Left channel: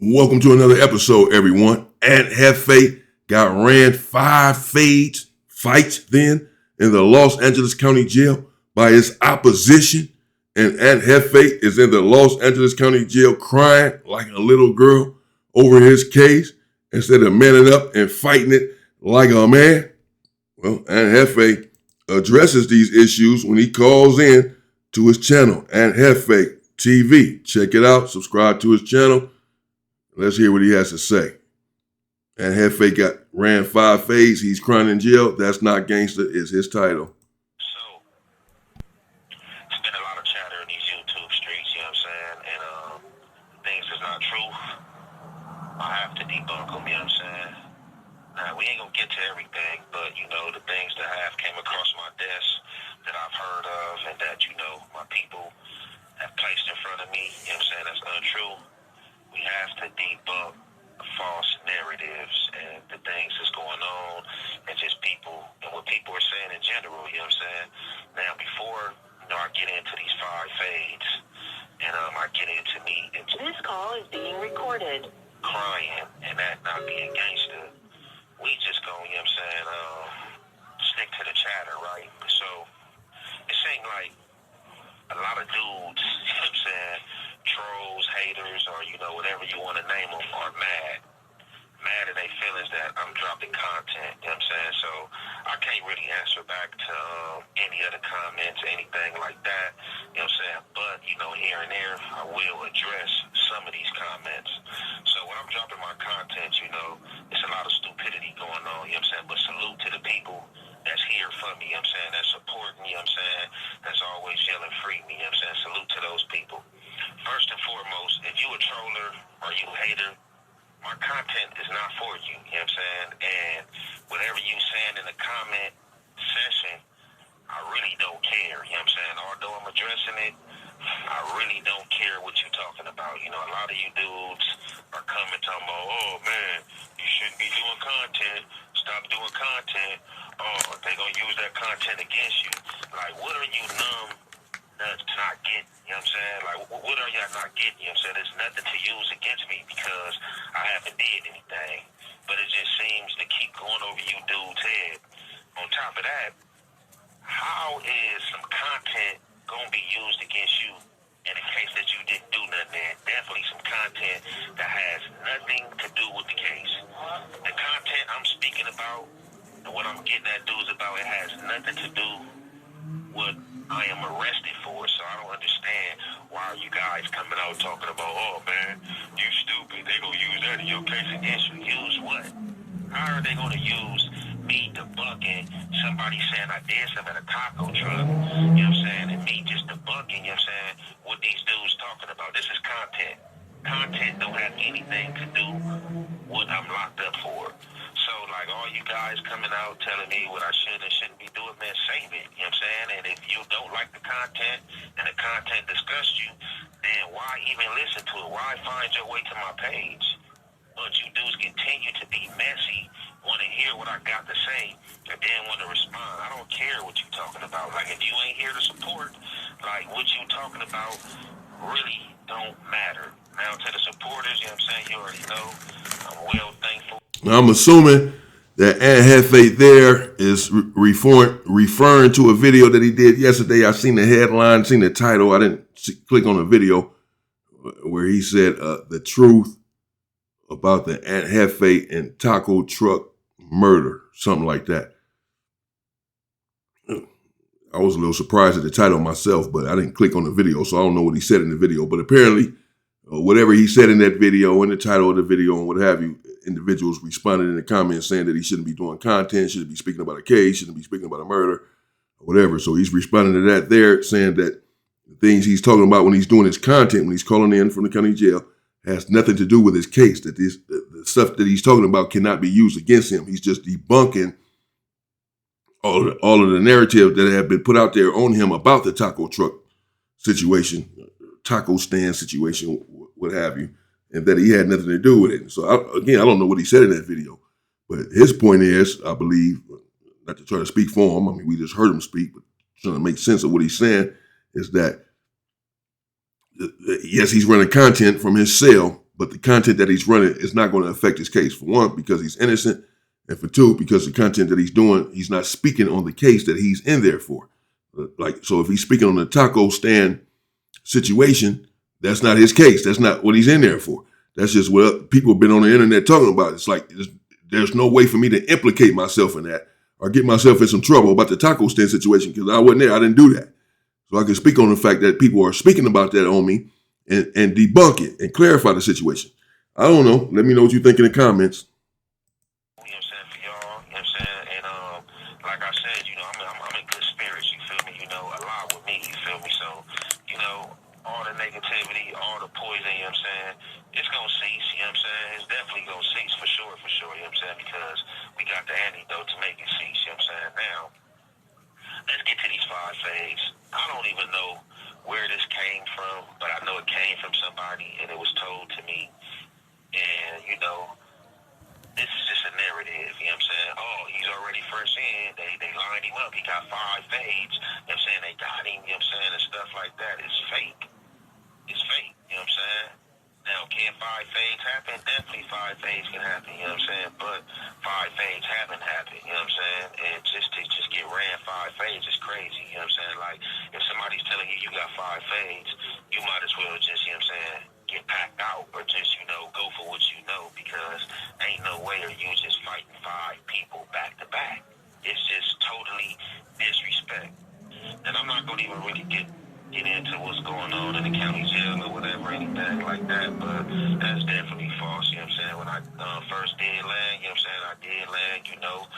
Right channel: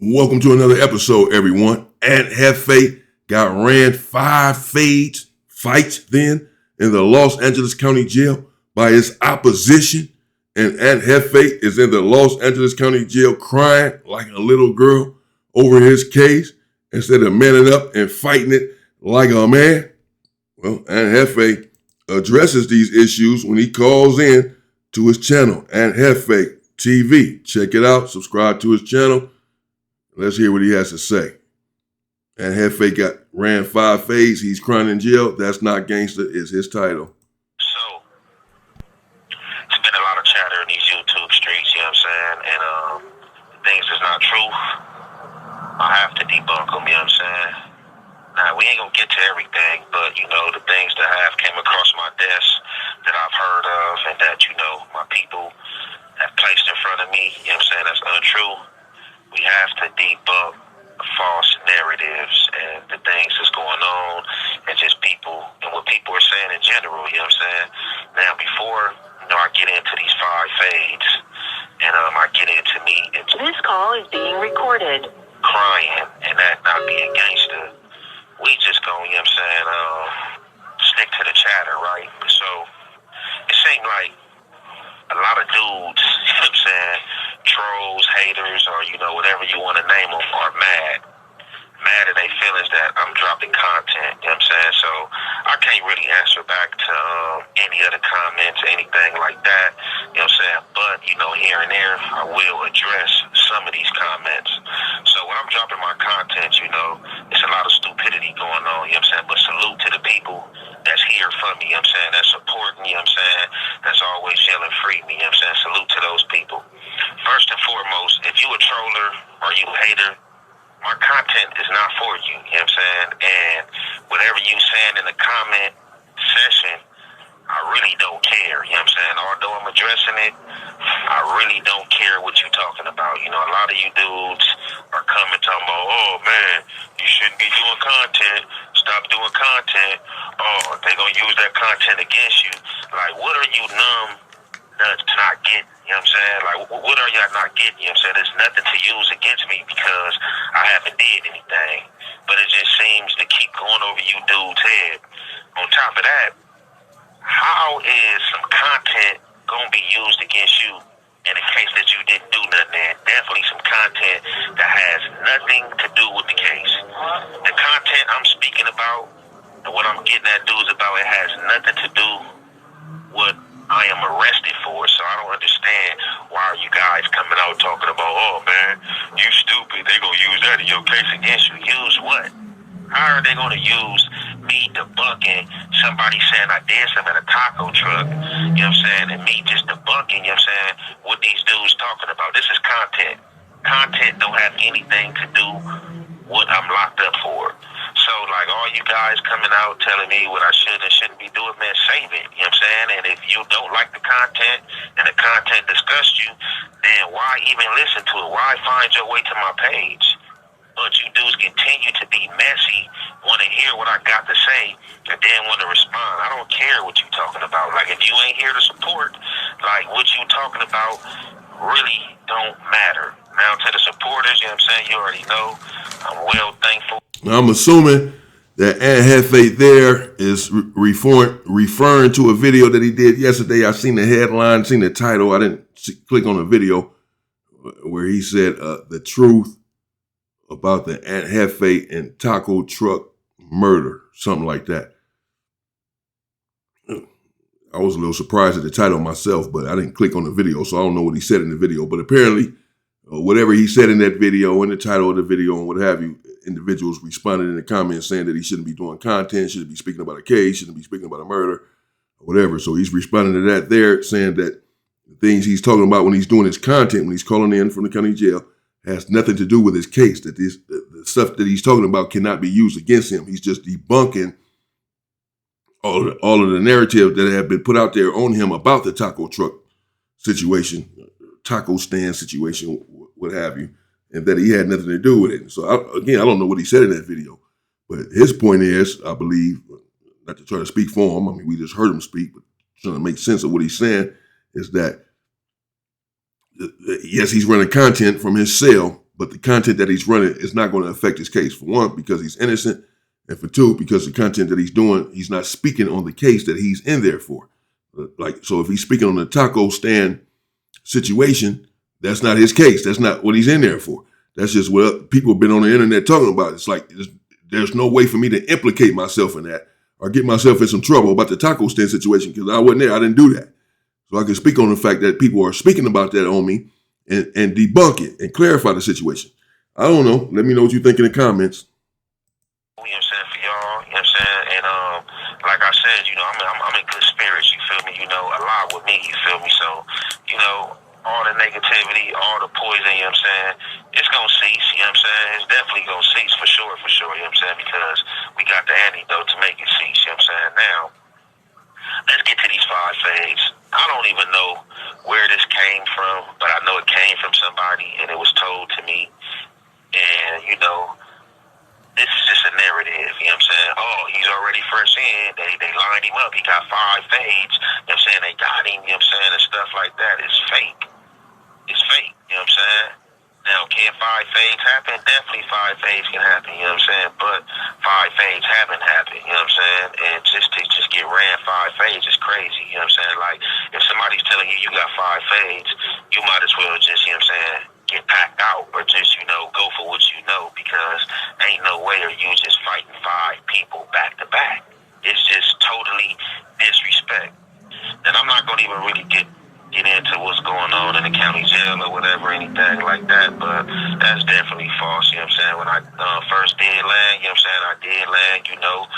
Welcome to another episode, everyone. And Jefe got ran 5 fights then in the Los Angeles County Jail by his opposition. And Aunt Jefe is in the Los Angeles County Jail crying like a little girl over his case instead of manning up and fighting it like a man. Well, Aunt Jefe addresses these issues when he calls in to his channel, Aunt Jefe TV. Check it out. Subscribe to his channel. Let's hear what he has to say. And Jefe ran 5 fades. He's crying in jail. That's Not Gangster is his title. So, it's been a lot of chatter in these YouTube streets, you know what I'm saying? And things is not true. I have to debunk them, you know what I'm saying? Now, we ain't gonna get to everything, but, the things that have came across my desk that I've heard of and that, my people have placed in front of me, you know what I'm saying, that's untrue. We have to debunk false narratives and the things that's going on and just people and what people are saying in general, you know what I'm saying? Now, before, I get into these 5 fades and I get into me. This call is being recorded. Crying and that not being gangster. We just gonna, you know what I'm saying, stick to the chatter, right? So, it seems like a lot of dudes, you know what I'm saying, trolls, haters, or, whatever you want to name them, are mad at their feelings that I'm dropping content, you know what I'm saying? So I can't really answer back to any other comments, anything like that, you know what I'm saying? But, here and there, I will address some of these comments. So when I'm dropping my content, it's a lot of stupidity going on, you know what I'm saying? But salute to the people that's here for me, you know what I'm saying? That's supporting me, you know what I'm saying? That's always yelling free me, you know what I'm saying? Salute to those people. First and foremost, if you a troller or you a hater, my content is not for you, you know what I'm saying? And whatever you saying in the comment session, I really don't care, you know what I'm saying? Although I'm addressing it, I really don't care what you're talking about. A lot of you dudes are coming talking about, oh man, you shouldn't be doing content, stop doing content, oh, they gonna use that content against you. Like, what are you numb nuts not getting? You know what I'm saying? Like, what are y'all not getting? You know what I'm saying? There's nothing to use against me because I haven't did anything. But it just seems to keep going over you dudes' head. On top of that, how is some content going to be used against you in the case that you didn't do nothing? And definitely some content that has nothing to do with the case. The content I'm speaking about and what I'm getting at dudes about, it has nothing to do with I am arrested for, so I don't understand why are you guys coming out talking about, oh man, you stupid, they gonna use that in your case against you. Use what? How are they gonna use me debunking somebody saying I did something at a taco truck, you know what I'm saying, and me just debunking, you know what I'm saying, what these dudes talking about? This is content. Content don't have anything to do what I'm locked up for. So, like, all you guys coming out telling me what I should and shouldn't be doing, man, save it, you know what I'm saying? And if you don't like the content and the content disgusts you, then why even listen to it? Why find your way to my page? But you dudes continue to be messy, want to hear what I got to say, and then want to respond. I don't care what you talking about. Like, if you ain't here to support, like, what you talking about really don't matter. Now, to the supporters, you know what I'm saying, you already know, I'm well thankful. Now, I'm assuming that Aunt Jefe there is referring to a video that he did yesterday. I seen the headline, seen the title. I didn't click on the video where he said the truth about the Aunt Jefe and taco truck murder, something like that. I was a little surprised at the title myself, but I didn't click on the video, so I don't know what he said in the video. But apparently, whatever he said in that video, in the title of the video, and what have you, individuals responded in the comments saying that he shouldn't be doing content, shouldn't be speaking about a case, shouldn't be speaking about a murder, or whatever. So he's responding to that there, saying that the things he's talking about when he's doing his content, when he's calling in from the county jail, has nothing to do with his case, that the stuff that he's talking about cannot be used against him. He's just debunking all of the narrative that have been put out there on him about the taco truck situation, taco stand situation, what have you, and that he had nothing to do with it. So, I don't know what he said in that video, but his point is, I believe, not to try to speak for him, I mean, we just heard him speak, but trying to make sense of what he's saying, is that, yes, he's running content from his cell, but the content that he's running is not going to affect his case. For one, because he's innocent, and for two, because the content that he's doing, he's not speaking on the case that he's in there for. So if he's speaking on the taco stand situation, that's not his case. That's not what he's in there for. That's just what people have been on the internet talking about. It's like there's no way for me to implicate myself in that or get myself in some trouble about the taco stand situation because I wasn't there. I didn't do that. So I can speak on the fact that people are speaking about that on me and debunk it and clarify the situation. I don't know. Let me know what you think in the comments. You know what I'm saying, for y'all, you know what I'm saying? And like I said, you know, I'm in good spirits, you feel me? You know, a lot with me, you feel me? So, you know, all the negativity, all the poison, you know what I'm saying, it's gonna cease, you know what I'm saying? It's definitely gonna cease for sure, you know what I'm saying? Because we got the antidote to make it cease, you know what I'm saying? Now, let's get to these 5 fades. I don't even know where this came from, but I know it came from somebody and it was told to me. And, you know, this is just a narrative, you know what I'm saying? Oh, he's already first in. They lined him up. He got 5 fades. You know what I'm saying? They got him, you know what I'm saying? And stuff like that. It's fake. It's fake, you know what I'm saying? Now, can 5 fades happen? Definitely 5 fades can happen, you know what I'm saying? But 5 fades haven't happened, you know what I'm saying? And just to get ran 5 fades is crazy, you know what I'm saying? Like, if somebody's telling you you got 5 fades, you might as well just, you know what I'm saying, get packed out or just, you know, go for what you know because ain't no way are you just fighting 5 people back to back. It's just totally disrespect. And I'm not going to even really get into what's going on in the county jail or whatever, anything like that, but that's definitely false, you know what I'm saying? When I first did land, you know what I'm saying, I did land, you know,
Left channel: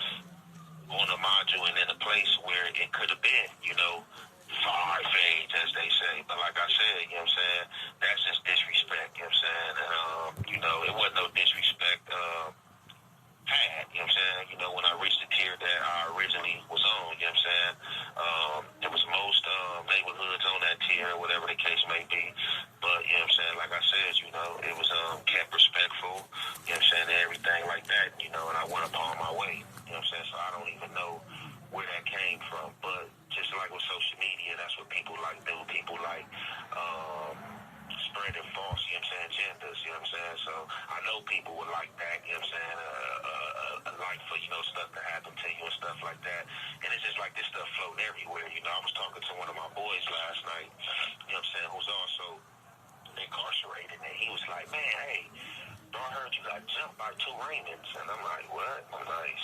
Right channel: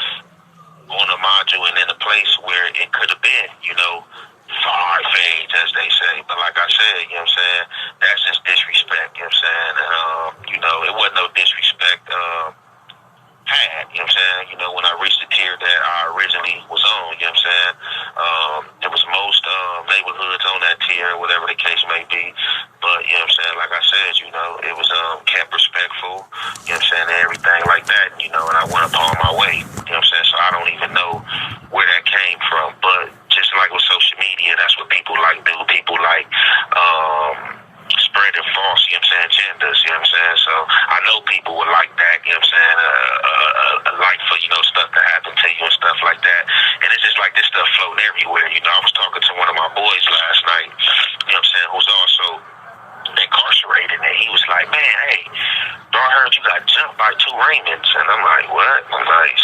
on a module and in a place where it could have been, you know, 5 fades, as they say. But like I said, you know what I'm saying, that's just disrespect, you know what I'm saying? And, you know, it wasn't no disrespect had, you know what I'm saying? You know, when I reached the tier that I originally was on, you know what I'm saying? There was most neighborhoods on that tier, whatever the case may be. But, you know what I'm saying, like I said, you know, it was kept respectful, you know what I'm saying, and everything like that, you know, and I went upon my way, you know what I'm saying? So I don't even know where that came from. But just like with social media, that's what people like do. People like spreading false, you know what I'm saying, agendas, you know what I'm saying? So I know people would like that, you know what I'm saying, like for, you know, stuff to happen to you and stuff like that. And it's just like this stuff floating everywhere, you know. I was talking to one of my boys last night, you know what I'm saying, who's also incarcerated, and he was like, man, hey, bro, I heard you got jumped by 2 Raymonds. And I'm like, what? I'm like,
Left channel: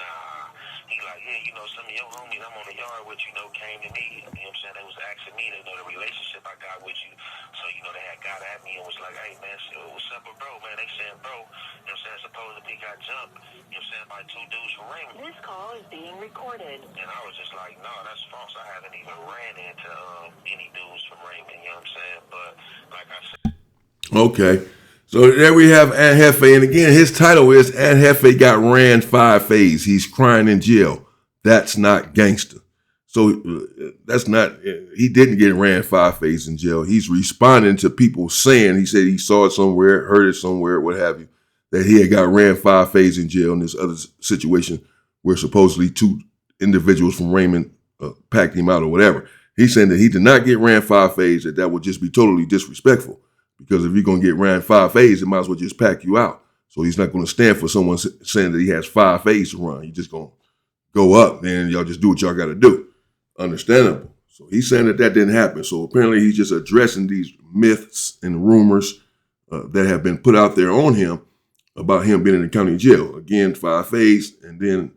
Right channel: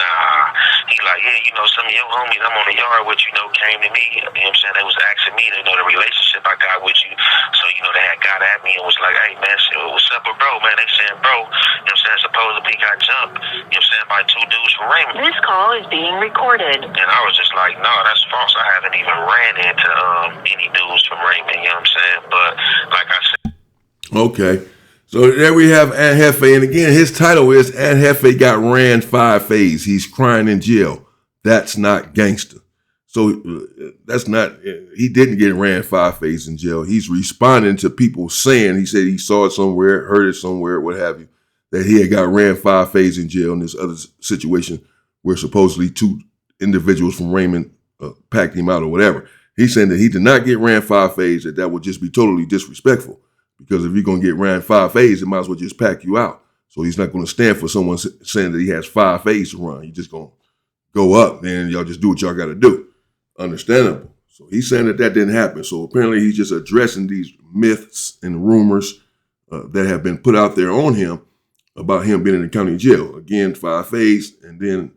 nah. He like, yeah, you know, some of your homies I'm on the yard with, you know, came to me, you know what I'm saying, they was asking me, you know, the relationship I got with you. So, you know, they had got at me and was like, hey, man, what's up with bro, man? They saying, bro, you know what I'm saying, supposedly got jumped, you know what I'm saying, by 2 dudes from Raymond. This call is being recorded. And I was just like, no, that's false. I haven't even ran into any dudes from Raymond, you know what I'm saying? But like I said. Okay. So there we have Aunt Jefe. And again, his title is Aunt Jefe got ran 5 fades. He's crying in jail. That's not gangster. So that's not, he didn't get ran 5 fades in jail. He's responding to people saying, he said he saw it somewhere, heard it somewhere, what have you, that he had got ran 5 fades in jail in this other situation where supposedly 2 individuals from Raymond packed him out or whatever. He's saying that he did not get ran 5 fades, that would just be totally disrespectful. Because if you're going to get ran 5 fades, it might as well just pack you out. So he's not going to stand for someone saying that he has 5 fades to run. He's just going to go up and y'all just do what y'all got to do. Understandable. So he's saying that didn't happen. So apparently he's just addressing these myths and rumors that have been put out there on him about him being in the county jail. Again, 5 fades, and then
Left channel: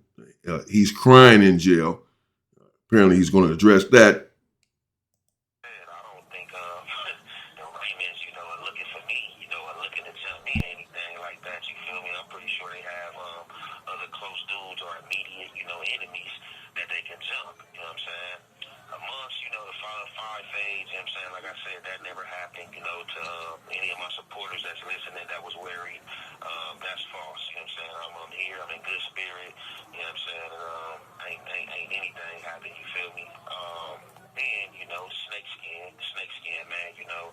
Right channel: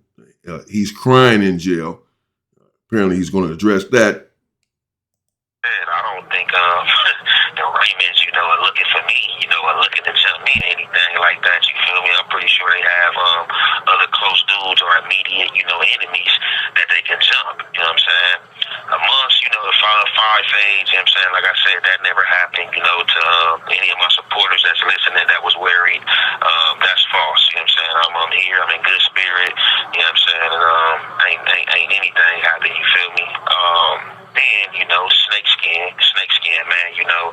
he's crying in jail. Apparently he's going to address that. I don't think the Raymonds, you know, are looking for me, you know, are looking to jump me or anything like that. You feel me? I'm pretty sure they have other close dudes or immediate, you know, enemies that they can jump. You know what I'm saying? Amongst, you know, the 5 fades, you know what I'm saying? Like I said, that never happened, you know, to any of my supporters that's listening that was worried. That's false. You know what I'm saying? I'm here. I'm in good spirit. You know what I'm saying? And ain't anything happened. You feel me? Then, you know, snake skin, man, you know,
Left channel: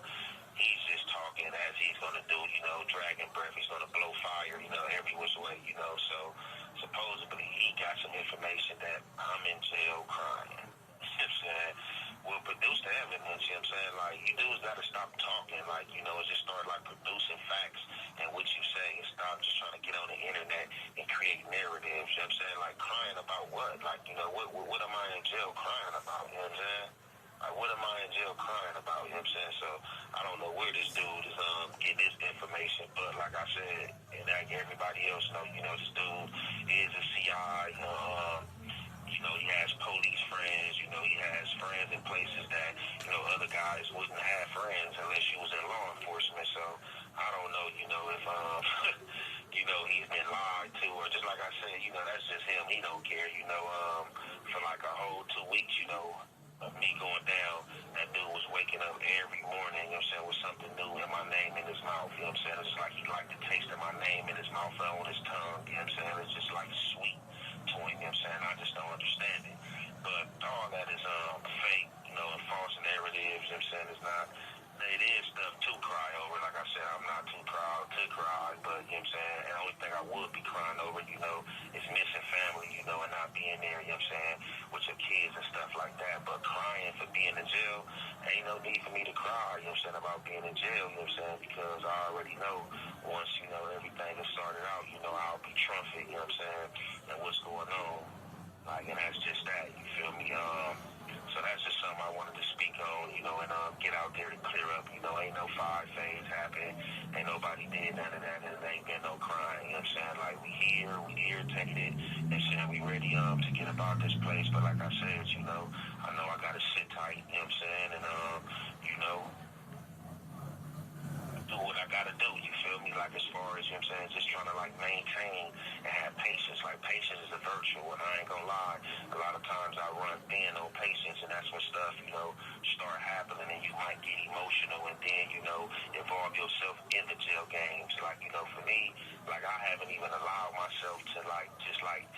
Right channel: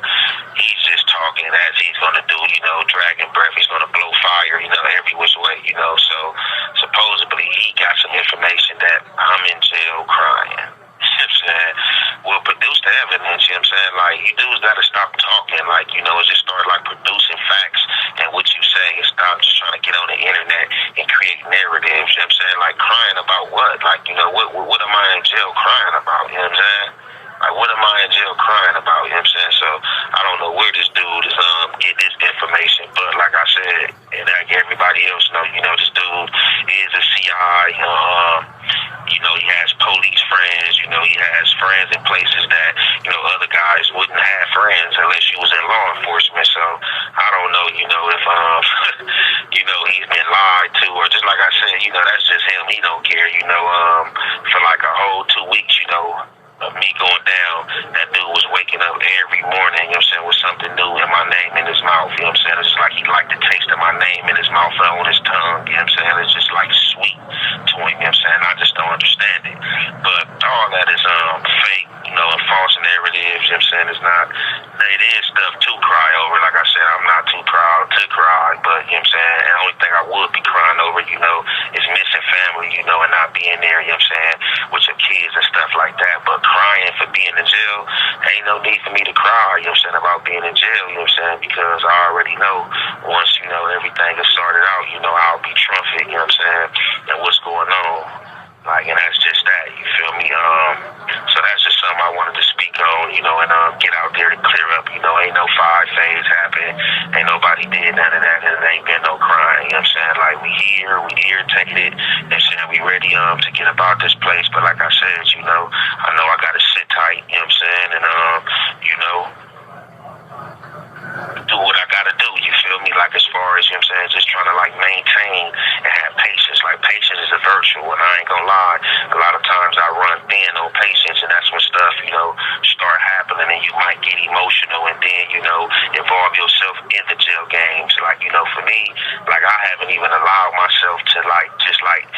he's just talking as he's going to do, you know, dragon breath, he's going to blow fire, you know, every which way, you know, so supposedly he got some information that I'm in jail crying. You know what I'm saying? Well, produce the evidence, you know what I'm saying? Like, you dudes got to stop talking, like, you know, just start, like, producing facts know what I'm saying? Like, crying about what? Like, you know, what am I in jail crying about? You know what I'm saying? Like, what am I in jail crying about? You know what I'm saying? So, I don't know where this dude is get this information, but like I said, and like everybody else know, you know, this dude is a CI. You know, he has police friends. You know, he has friends in places that, you know, other guys wouldn't have friends unless you was in law enforcement. So, I don't know, you know, if, you know, he's been lied to, or just like I said, you know, that's just him. He don't care, you know, for like a whole 2 weeks, you know, of me going down, that dude was waking up every morning, you know what I'm saying, with something new and my name in his mouth, you know what I'm saying? It's just like he liked the taste of my name in his mouth and on his tongue, you know what I'm saying? It's just like sweet to him, you know what I'm saying? I just don't understand it. But all that is fake, you know, and false narratives, you know what I'm saying? It's not, it is stuff to cry over. Like I said, I'm not too proud to cry, but you know what I'm saying? And the only thing I would be crying over, you know, is missing family, you know, and not being there, you know what I'm saying, with your kids and stuff like that. But crying for being in jail, ain't no need for me to cry, you know what I'm saying, about being in jail, you know what I'm saying, because I already know once, you know, everything is sorted out, you know, I'll be trumpet, you know what I'm saying, and what's going on. Like, and that's just that, you feel me? So that's just something I wanted to speak on, you know, and get out there to clear up, you know, ain't no 5 phase happened, ain't nobody did none of that, and it ain't been no crying, you know what I'm saying? Like, we here, we irritated, you know what I'm saying, we ready to get about this place, but like I said, you know, I know I gotta sit tight, you know what I'm saying, and you know, do what I gotta do, you feel me? Like, as far as, you know what I'm saying, just trying to like maintain and have patience. Like, patience is a virtue, and I ain't gonna lie, a lot of times I run thin on patience, and that's when stuff, you know, start happening, and you might get emotional, and then, you know, involve yourself in the jail games. Like, you know, for me, like, I haven't even allowed myself to like, just like,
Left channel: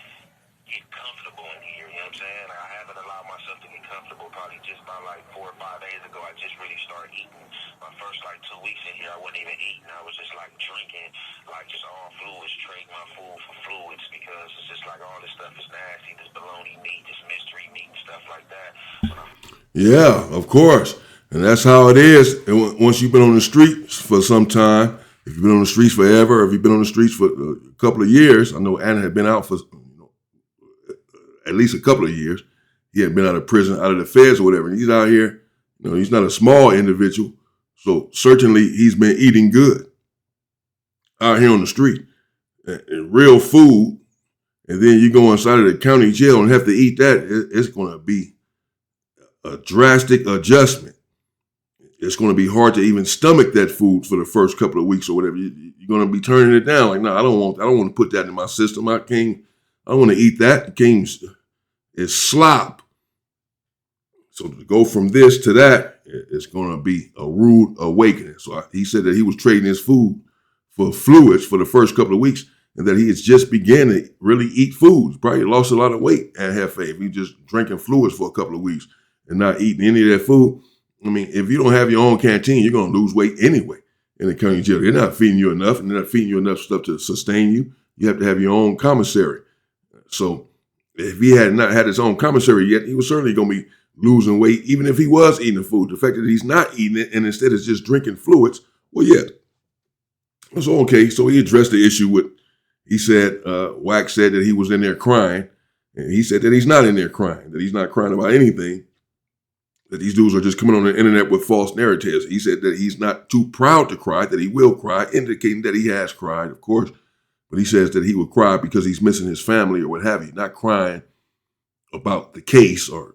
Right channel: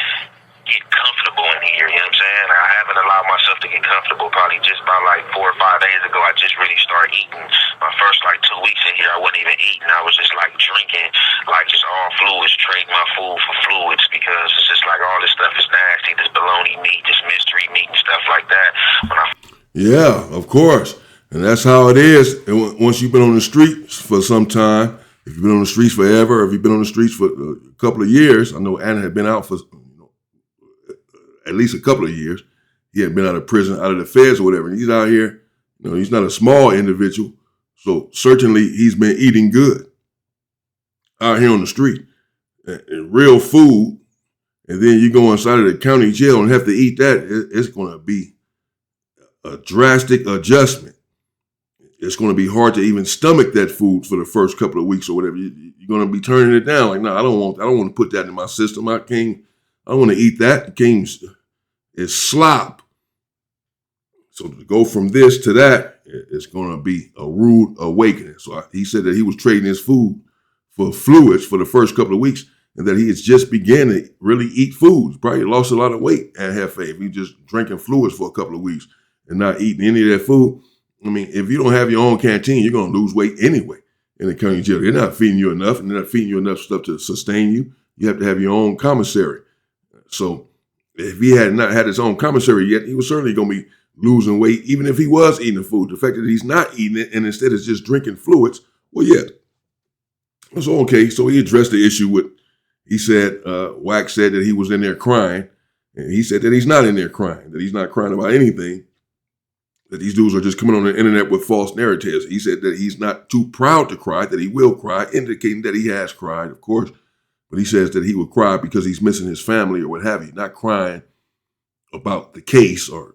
get comfortable in here, you know what I'm saying? I haven't allowed myself to get comfortable probably just about like 4 or 5 days ago. I just really started eating. My first like 2 weeks in here, I wasn't even eating. I was just like drinking, like just all fluids, trading my food for fluids, because it's just like all this stuff is nasty, this bologna meat, this mystery meat and stuff like that. Yeah, of course. And that's how it is. And once you've been on the streets for some time, if you've been on the streets forever, or if you've been on the streets for a couple of years, I know Anna had been out for at least a couple of years. He had been out of prison, out of the feds or whatever. And he's out here, you know, he's not a small individual. So certainly he's been eating good out here on the street and real food. And then you go inside of the county jail and have to eat that. It's going to be a drastic adjustment. It's going to be hard to even stomach that food for the first couple of weeks or whatever. You're going to be turning it down. Like, no, I don't want to put that in my system. I don't want to eat that. It's slop. So to go from this to that, it's going to be a rude awakening. So he said that he was trading his food for fluids for the first couple of weeks, and that he has just began to really eat food. Probably lost a lot of weight at Jefe. If he just drinking fluids for a couple of weeks and not eating any of that food. I mean, if you don't have your own canteen, you're going to lose weight anyway in the county jail. They're not feeding you enough, and they're not feeding you enough stuff to sustain you. You have to have your own commissary. So if he had not had his own commissary yet, he was certainly going to be losing weight, even if he was eating the food. The fact that he's not eating it and instead is just drinking fluids, well, yeah. So, okay, so he addressed the issue with, he said, Wax said that he was in there crying, and he said that he's not in there crying, that he's not crying about anything, that these dudes are just coming on the internet with false narratives. He said that he's not too proud to cry, that he will cry, indicating that he has cried, of course, but he says that he will cry because he's missing his family or what have you, not crying about the case or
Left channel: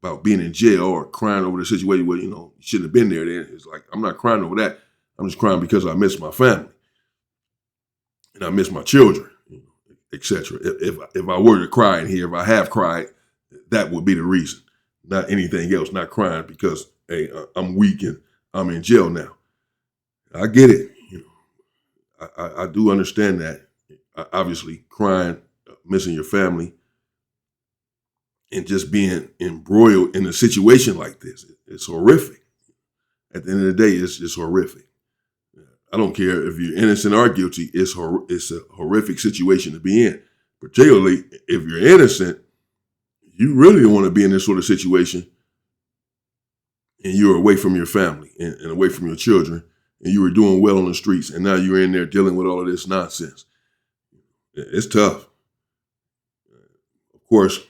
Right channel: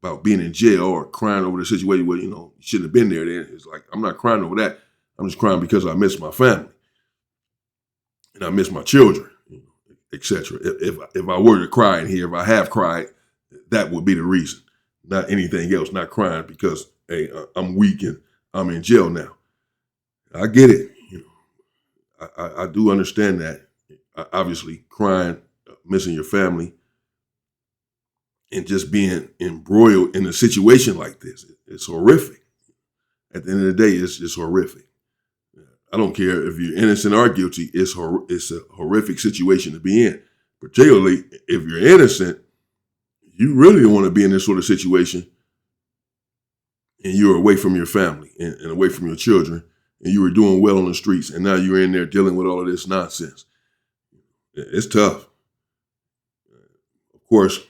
about being in jail or crying over the situation where, you know, you shouldn't have been there. Then it's like, I'm not crying over that. I'm just crying because I miss my family and I miss my children, etc. If I were to cry in here, if I have cried, that would be the reason, not anything else. Not crying because, hey, I'm weak and I'm in jail now. I get it. You know, I do understand that. Obviously, crying, missing your family, and just being embroiled in a situation like this, it's horrific. At the end of the day, it's horrific. I don't care if you're innocent or guilty, it's a horrific situation to be in. Particularly if you're innocent, you really don't want to be in this sort of situation and you're away from your family and away from your children and you were doing well on the streets and now you're in there dealing with all of this nonsense. It's tough. course,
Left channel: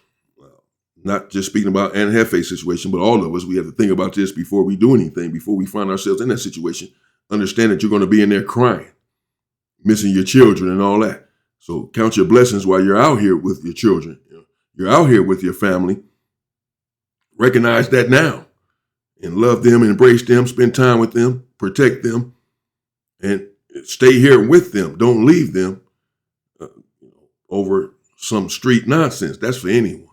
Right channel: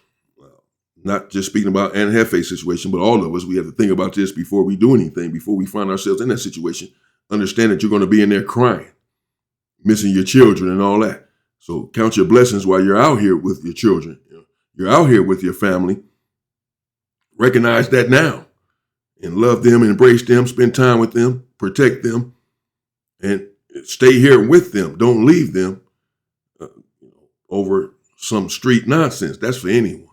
not just speaking about Aunt Jefe's situation, but all of us, we have to think about this before we do anything, before we find ourselves in that situation. Understand that you're going to be in there crying, missing your children and all that. So count your blessings while you're out here with your children. You're out here with your family. Recognize that now and love them, embrace them, spend time with them, protect them, and stay here with them. Don't leave them over some street nonsense. That's for anyone.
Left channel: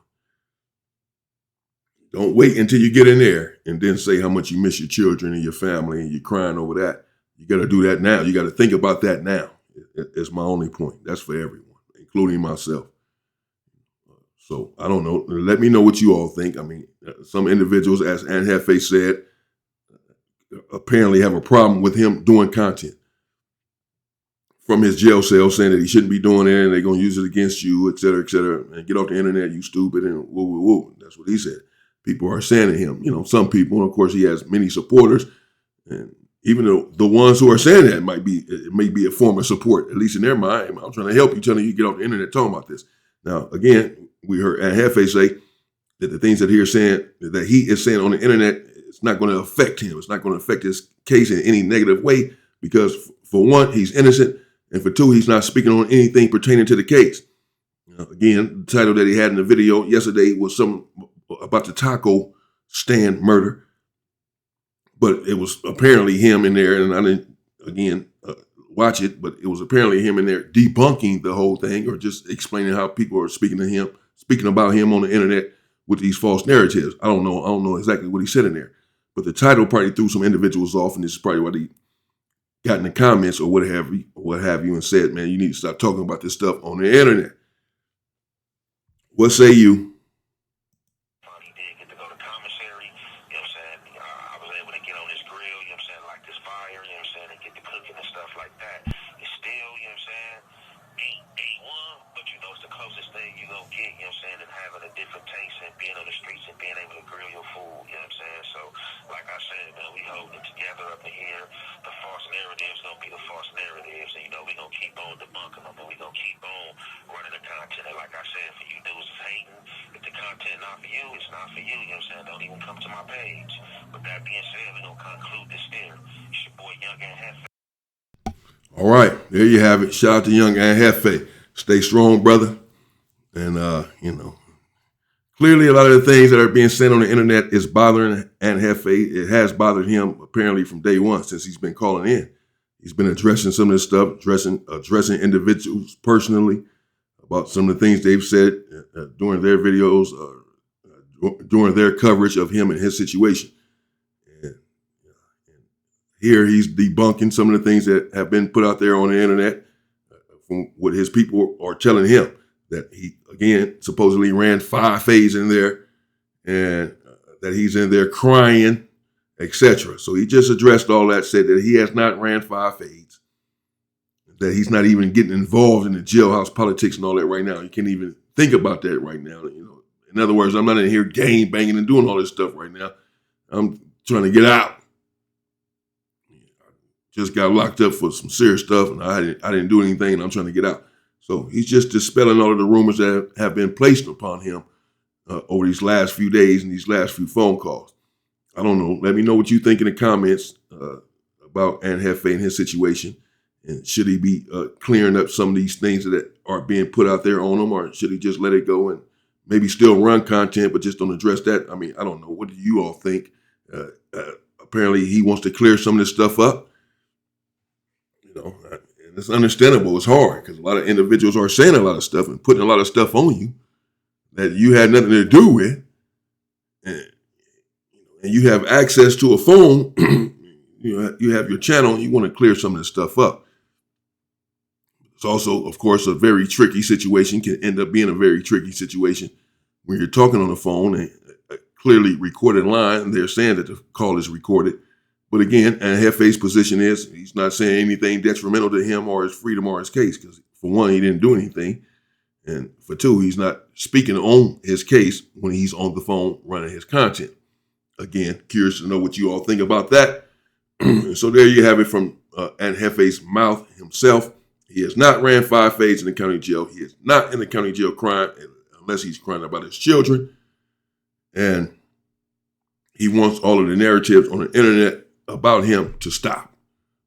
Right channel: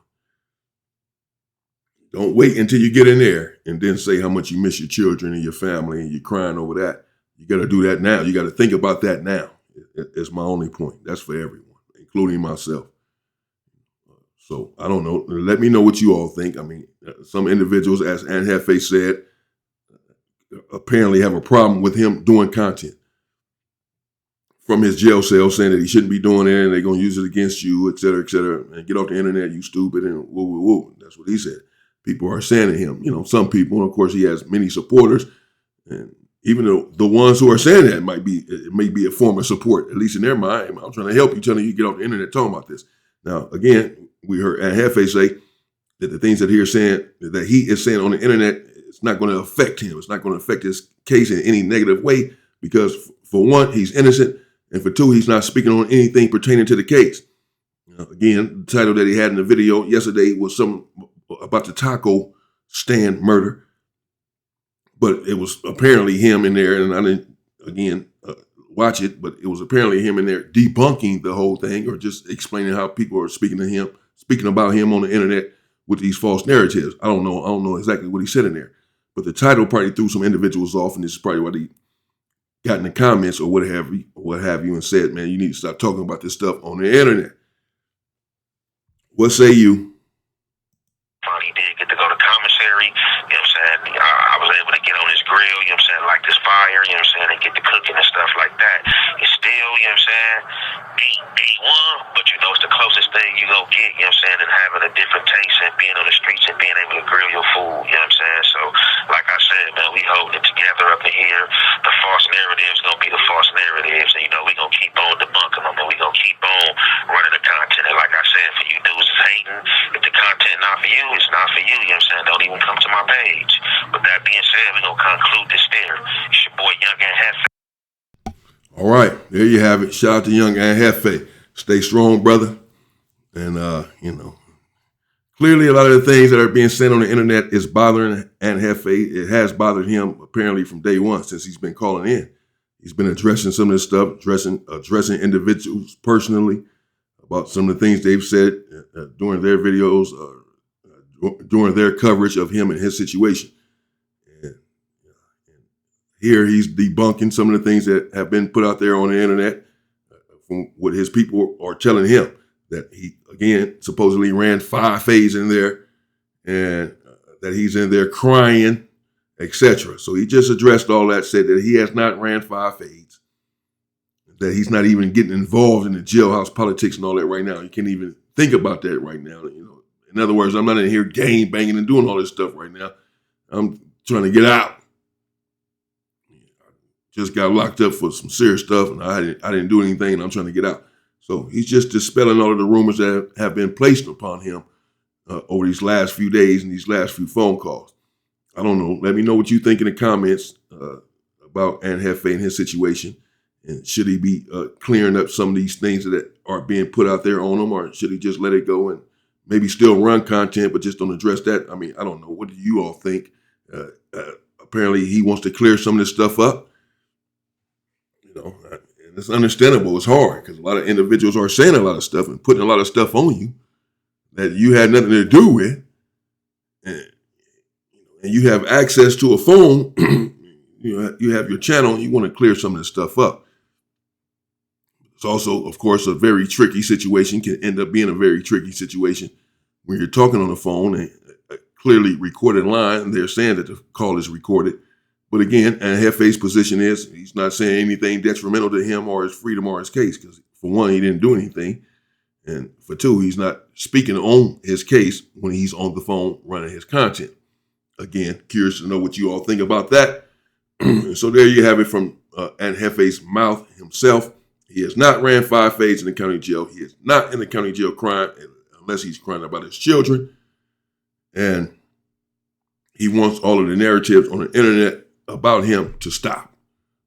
Don't wait until you get in there and then say how much you miss your children and your family and you're crying over that. You got to do that now. You got to think about that now. It's my only point. That's for everyone, including myself. So I don't know. Let me know what you all think. I mean, some individuals, as Aunt Jefe said, apparently have a problem with him doing content from his jail cell, saying that he shouldn't be doing it and they're going to use it against you, et cetera, and get off the internet, you stupid, and woo, woo, woo. That's what he said. People are saying to him, some people, and of course he has many supporters, and even though the ones who are saying that it may be a form of support, at least in their mind. I'm trying to help you, telling you get off the internet talking about this. Now, again, we heard Aunt Jefe say that the things that he is saying on the internet, it's not going to affect him. It's not going to affect his case in any negative way because, for one, he's innocent, and for two, he's not speaking on anything pertaining to the case. Again, the title that he had in the video yesterday was something about the taco stand murder, but it was apparently him in there, and I didn't, again, watch it, but it was apparently him in there debunking the whole thing or just explaining how people are speaking about him on the internet with these false narratives. I don't know exactly what he said in there, but the title probably threw some individuals off, and this is probably what he got in the comments or what have you, and said, man, you need to stop talking about this stuff on the internet. What say you? He did get to go to commissary, you know what I'm saying? I was able to get on his grill, you know what I'm saying, like this fire, you know what I'm saying, and get to cooking and stuff like that. It's still, you know what I'm saying, ain't one, but it's the closest thing you gonna get, you know what I'm saying, and having a different taste and being on the streets and being able to grill your food, you know what I'm saying? So, like I said, man, we holding it together up in here. The false narrative's gonna be the false narratives, and we gonna keep on debunking them, and we gonna keep on running the content. And like I said, for you dudes that's hating, if the content not for you, it's not for you, you know what I'm saying? Don't even come to my page. With that being said, we gonna conclude this there. It's your boy Young and Jefe. All right, there you have it. Shout out to Young and Jefe. Stay strong, brother. And, clearly a lot of the things that are being said on the internet is bothering Aunt Jefe. It has bothered him apparently from day one since he's been calling in. He's been addressing some of this stuff, addressing individuals personally about some of the things they've said during their videos, during their coverage of him and his situation. And here he's debunking some of the things that have been put out there on the internet from what his people are telling him, that he, again, supposedly ran 5 fades in there and that he's in there crying, etc. So he just addressed all that, said that he has not ran 5 fades, that he's not even getting involved in the jailhouse politics and all that right now. He can't even think about that right now. In other words, I'm not in here gang banging and doing all this stuff right now. I'm trying to get out. Just got locked up for some serious stuff, and I didn't do anything, and I'm trying to get out. So he's just dispelling all of the rumors that have been placed upon him over these last few days and these last few phone calls. I don't know. Let me know what you think in the comments about Aunt Jefe and his situation. And should he be clearing up some of these things that are being put out there on him, or should he just let it go and maybe still run content, but just don't address that? I mean, I don't know. What do you all think? Apparently he wants to clear some of this stuff up. And it's understandable. It's hard because a lot of individuals are saying a lot of stuff and putting a lot of stuff on you that you had nothing to do with. And you have access to a phone. You have your channel and you want to clear some of this stuff up. It's also, of course, a very tricky situation, can end up being a very tricky situation when you're talking on the phone and a clearly recorded line. And they're saying that the call is recorded. But again, Aunt Jefe's position is he's not saying anything detrimental to him or his freedom or his case, because for one, he didn't do anything. And for two, he's not speaking on his case when he's on the phone running his content. Again, curious to know what you all think about that. So there you have it from Aunt Jefe's mouth himself. He has not ran 5 fades in the county jail. He is not in the county jail crying. unless he's crying about his children. And he wants all of the narratives on the internet about him to stop.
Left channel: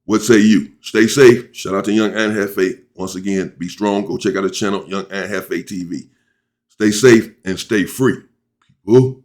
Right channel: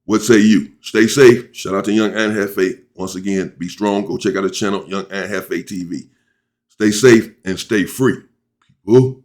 What say you? Stay safe. Shout out to Young and Jefe. Once again, be strong. Go check out the channel, Young and Jefe TV. Stay safe and stay free. People.